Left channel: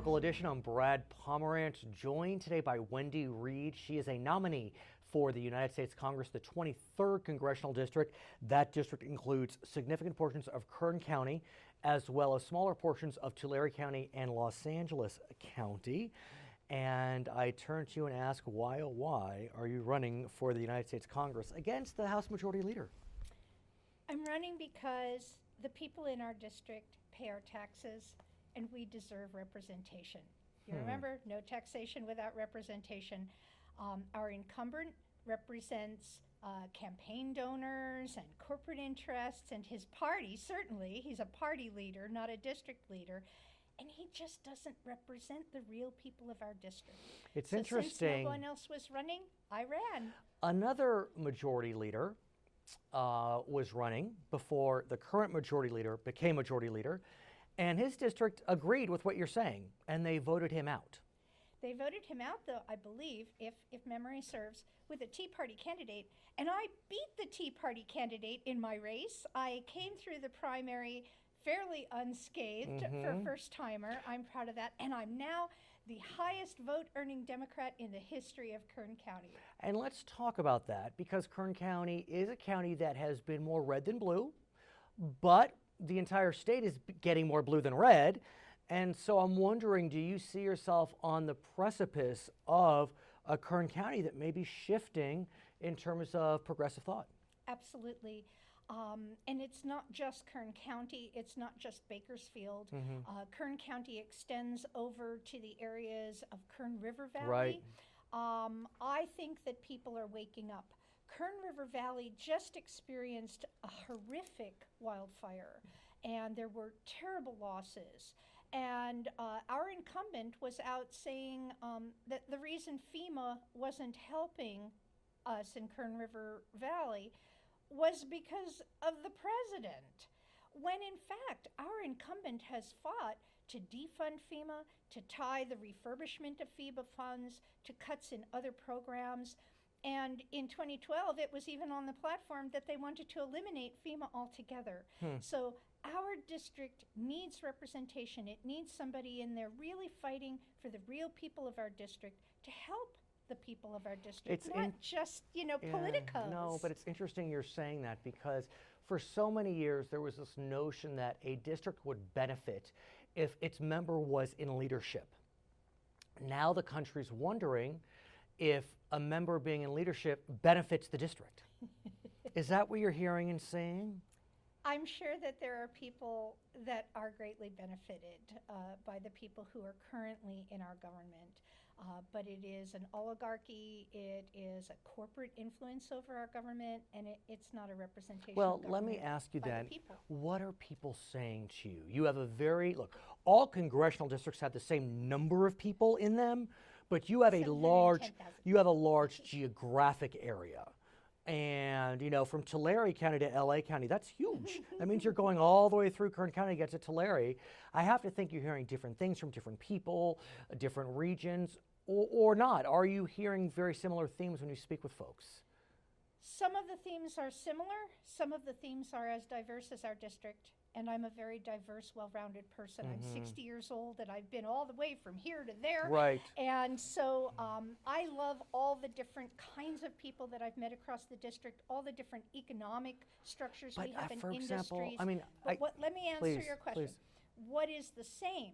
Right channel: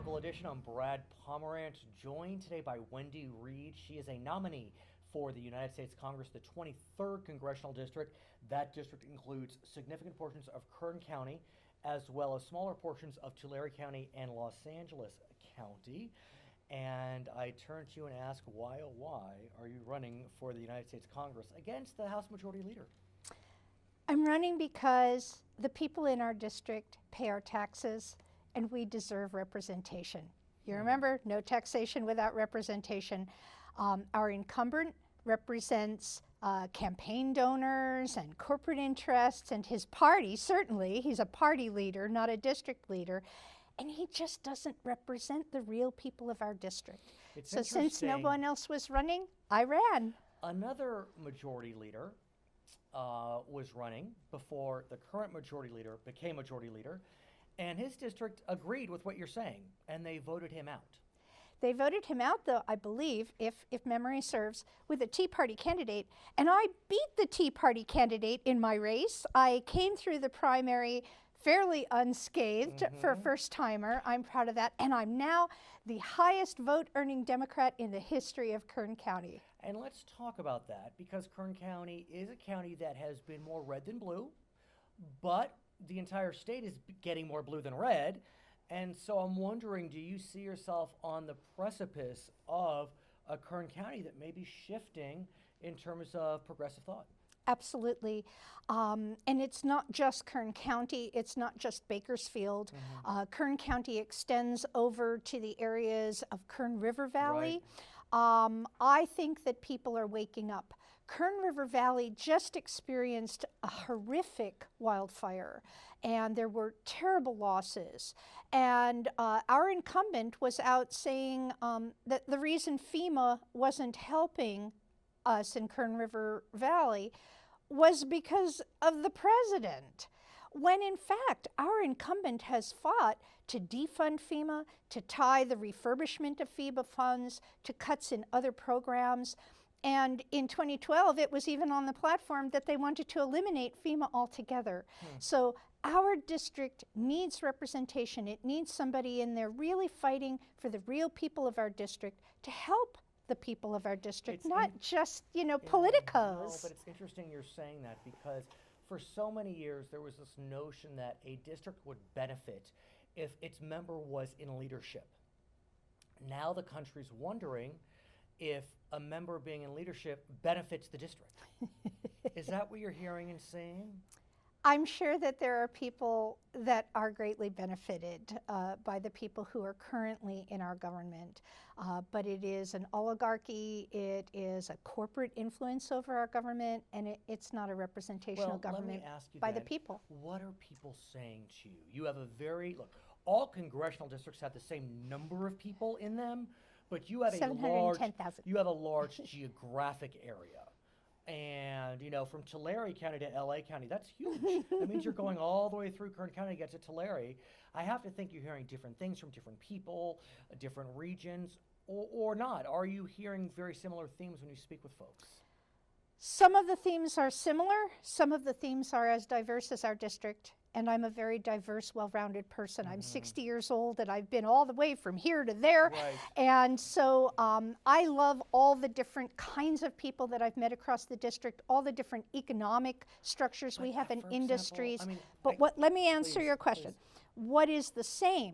Local Edition. I'm Brad Pomerance, joined today by Wendy Reed. She is a nominee for the United States Congress, the 23rd Congressional District. That district includes significant portions of Kern County, as well as smaller portions of Tulare County and Los Angeles County. And I turn to you and ask, why, oh why, are you running for the United States Congress against the House Majority Leader? I'm running because the people in our district pay our taxes and we deserve representation. You remember, no taxation without representation. Our incumbent represents campaign donors and corporate interests, and his party, certainly, he's a party leader, not a district leader, and he just doesn't represent the real people of our district. It's so interesting. Since no one else was running, I ran. Another majority leader was running before the current majority leader became majority leader, and his district agreed with what you're saying, and they voted him out. They voted him out, though, I believe, if memory serves, with a Tea Party candidate. And I beat the Tea Party candidate in my race. I came through the primary fairly unscathed for a first-timer. I'm proud of that. And I'm now the highest vote-earning Democrat in the history of Kern County. And let's talk about that, because Kern County is a county that has been more red than blue, but the entire state is getting more blue than red. And so I'm wondering, do you see yourself on the precipice of a Kern County that may be shifting in terms of progressive thought? Absolutely. And it's not just Kern County, it's not just Bakersfield. Kern County extends over to the areas of Kern River Valley. I think that people are waking up. Kern River Valley just experienced a horrific wildfire, and there were terrible losses. And our incumbent was out saying that the reason FEMA wasn't helping us in Kern River Valley was because of the president, when in fact our incumbent has fought to defund FEMA, to tie the refurbishment of FEMA funds to cuts in other programs. And in 2012, it was even on the platform that they wanted to eliminate FEMA altogether. So our district needs representation. It needs somebody in there really fighting for the real people of our district to help the people of our district, not just, politicos. No, but it's interesting you're saying that, because for so many years there was this notion that a district would benefit if its member was in leadership. Now the country's wondering if a member being in leadership benefits the district. Is that what you're hearing and seeing? I'm sure that there are people that are greatly benefited by the people who are currently in our government. But it is an oligarchy, it is a corporate influence over our government, and it's not a representational government let me ask you by then, the people. What are people saying to you? You have look, all congressional districts have the same number of people in them, but you have a large geographic area. And, from Tulare County to LA County, that's huge. That means you're going all the way through Kern County to get to Tulare. I have to think you're hearing different things from different people, different regions, or not. Are you hearing very similar themes when you speak with folks? Some of the themes are similar. Some of the themes are as diverse as our district. And I'm a very diverse, well-rounded person. I'm 60 years old, and I've been all the way from here to there. Right. And so I love all the different kinds of people that I've met across the district, all the different economic structures we have in industries. Let me answer your question. Please. What is the same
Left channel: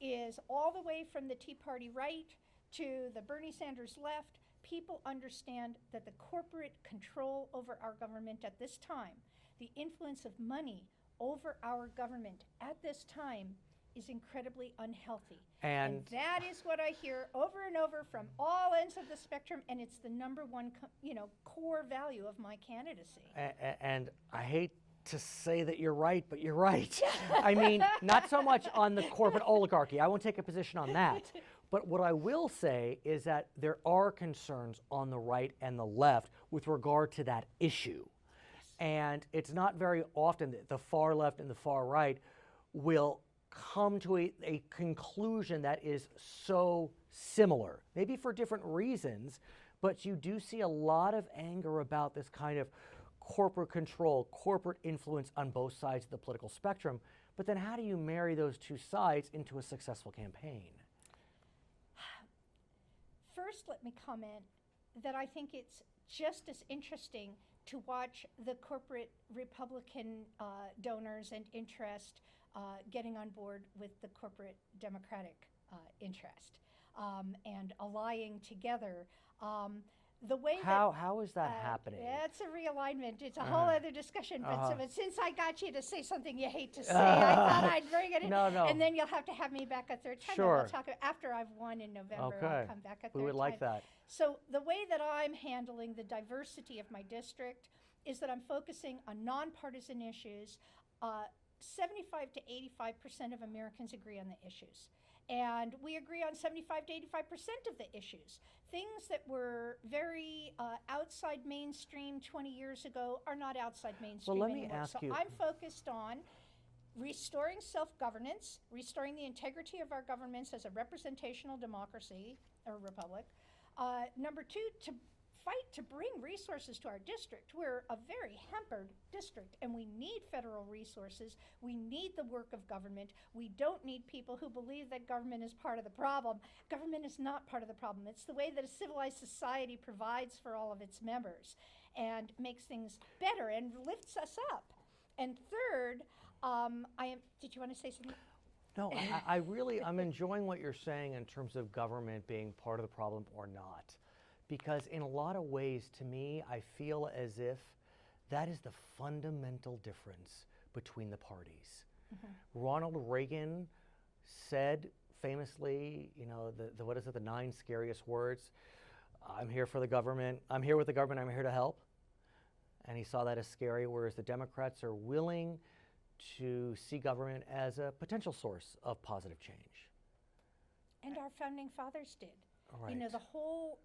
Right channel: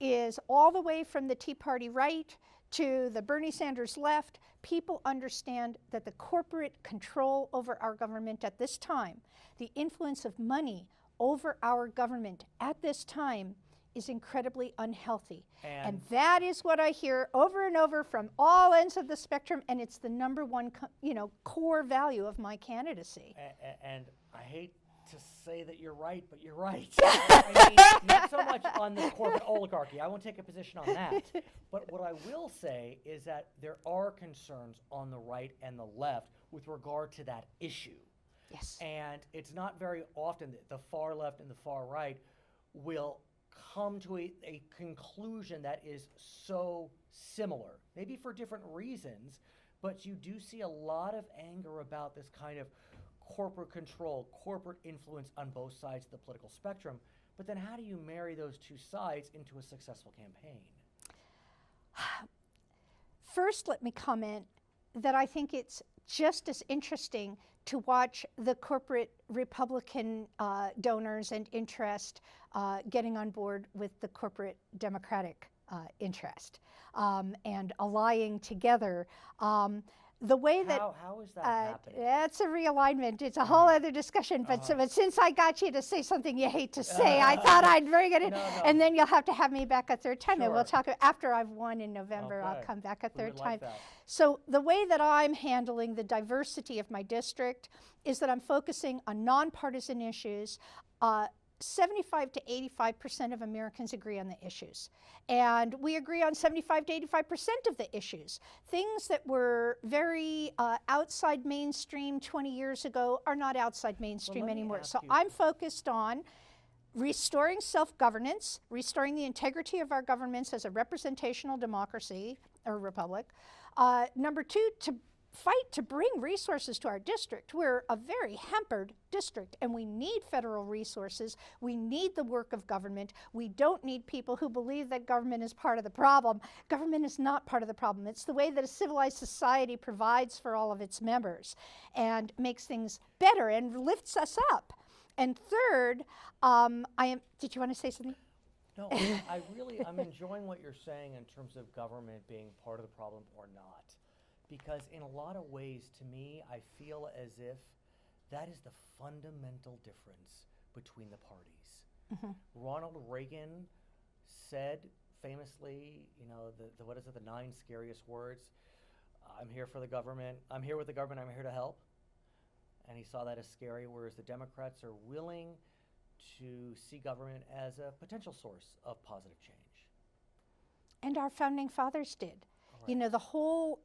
is all the way from the Tea Party right to the Bernie Sanders left, people understand that the corporate control over our government at this time, the influence of money over our government at this time, is incredibly unhealthy. And that is what I hear over and over from all ends of the spectrum, and it's the number one core value of my candidacy. And I hate to say that you're right, but you're right. I mean, not so much on the corporate oligarchy. I won't take a position on that. But what I will say is that there are concerns on the right and the left with regard to that issue. Yes. And it's not very often that the far left and the far right will come to a conclusion that is so similar, maybe for different reasons, but you do see a lot of anger about this kind of corporate control, corporate influence on both sides of the political spectrum. But then how do you marry those two sides into a successful campaign? First, let me comment that I think it's just as interesting to watch the corporate Republican donors and interest getting on board with the corporate Democratic interest and allying together. The way how is that happening? That's a realignment. It's a whole other discussion. But since I got you to say something you hate to say, I thought I'd bring it in. No. And then you'll have to have me back a third time. Sure. And we'll talk after I've won in November. Okay. I'll come back a third We would time. like that. So the way that I'm handling the diversity of my district is that I'm focusing on nonpartisan issues. 75 to 85% of Americans agree on the issues. And we agree on 75 to 85% of the issues. Things that were very outside mainstream 20 years ago are not outside mainstream anymore. So I'm focused on restoring self-governance, restoring the integrity of our governments as a representational democracy or republic. Number two, to fight to bring resources to our district. We're a very hampered district, and we need federal resources. We need the work of government. We don't need people who believe that government is part of the problem. Government is not part of the problem. It's the way that a civilized society provides for all of its members and makes things better and lifts us up. And third, did you want to say something? No, I'm enjoying what you're saying in terms of government being part of the problem or not. Because in a lot of ways, to me, I feel as if that is the fundamental difference between the parties. Mm-hmm. Ronald Reagan said famously, the 9 scariest words? I'm here for the government. I'm here with the government. I'm here to help. And he saw that as scary, whereas the Democrats are willing to see government as a potential source of positive change. And our founding fathers did. Right. The whole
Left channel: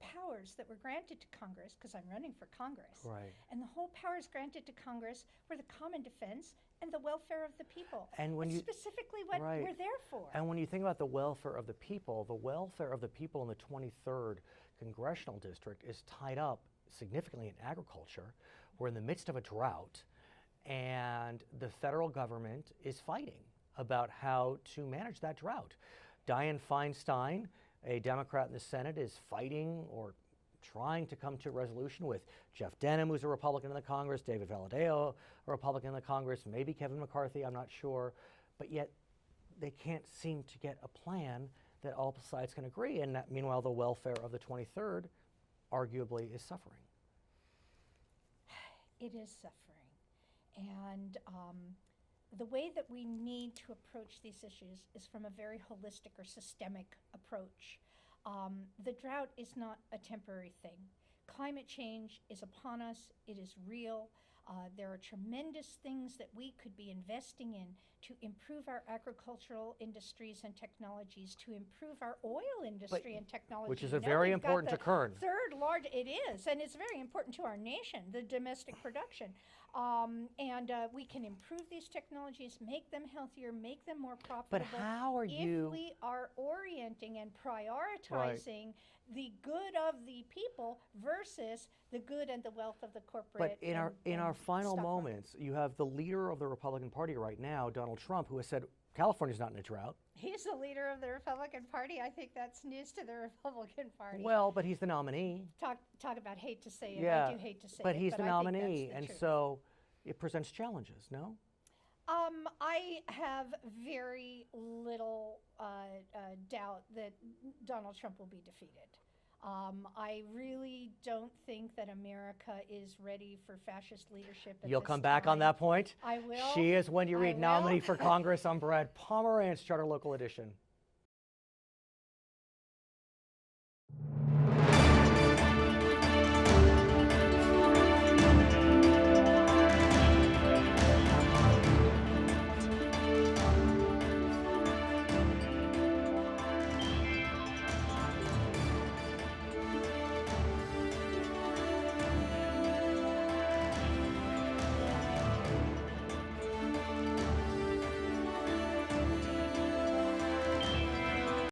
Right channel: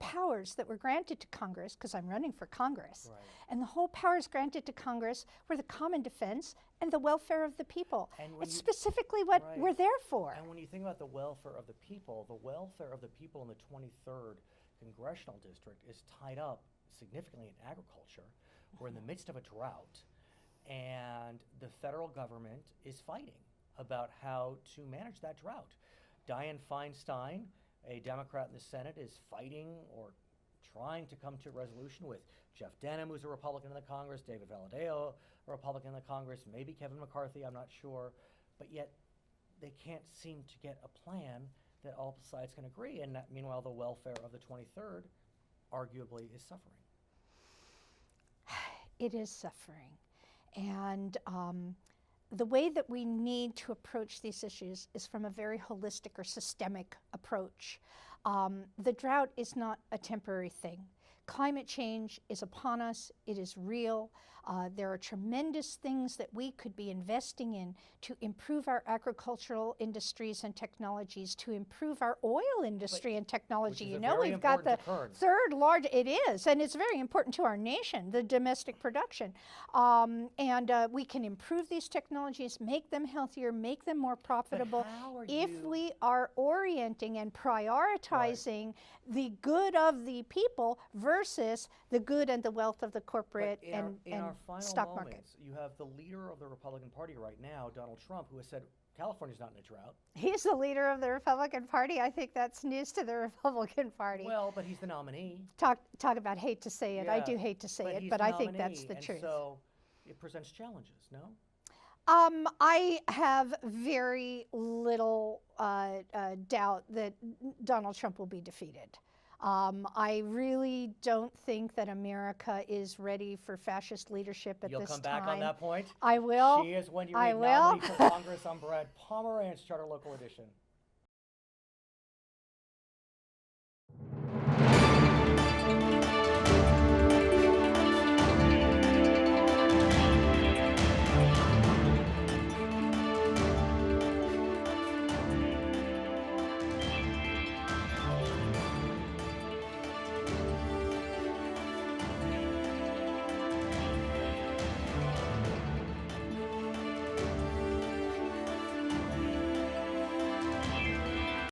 powers that were granted to Congress, because I'm running for Congress, right. And the whole powers granted to Congress were the common defense and the welfare of the people. And it's specifically what we're there for. And when you think about the welfare of the people in the 23rd Congressional District is tied up significantly in agriculture. We're in the midst of a drought, and the federal government is fighting about how to manage that drought. Dianne Feinstein, a Democrat in the Senate, is fighting or trying to come to a resolution with Jeff Denham, who's a Republican in the Congress, David Valadao, a Republican in the Congress, maybe Kevin McCarthy, I'm not sure, but yet they can't seem to get a plan that all sides can agree, and that, meanwhile the welfare of the 23rd arguably is suffering. It is suffering, and the way that we need to approach these issues is from a very holistic or systemic approach. The drought is not a temporary thing. Climate change is upon us. It is real. There are tremendous things that we could be investing in to improve our agricultural industries and technologies, to improve our oil industry and technology. Which is very important to Kern. Third large, it is, and it's very important to our nation, the domestic production. And we can improve these technologies, make them healthier, make them more profitable. But how are if we are orienting and prioritizing the good of the people versus the good and the wealth of the corporate but in our final stock moments, you have the leader of the Republican Party right now, Donald Trump, who has said California's not in a drought. He's the leader of the Republican Party. I think that's news to the Republican Party. Well, but he's the nominee. Talk about hate to say it. Yeah, I do hate to say but it, but I think that's the and truth. So it presents challenges, no? I have very little doubt that Donald Trump will be defeated. I really don't think that America is ready for fascist leadership at this time. You'll come back on that point? I will. She is Wendy Reed, nominee for Congress. I'm Brad Pomerance, Charter Local Edition.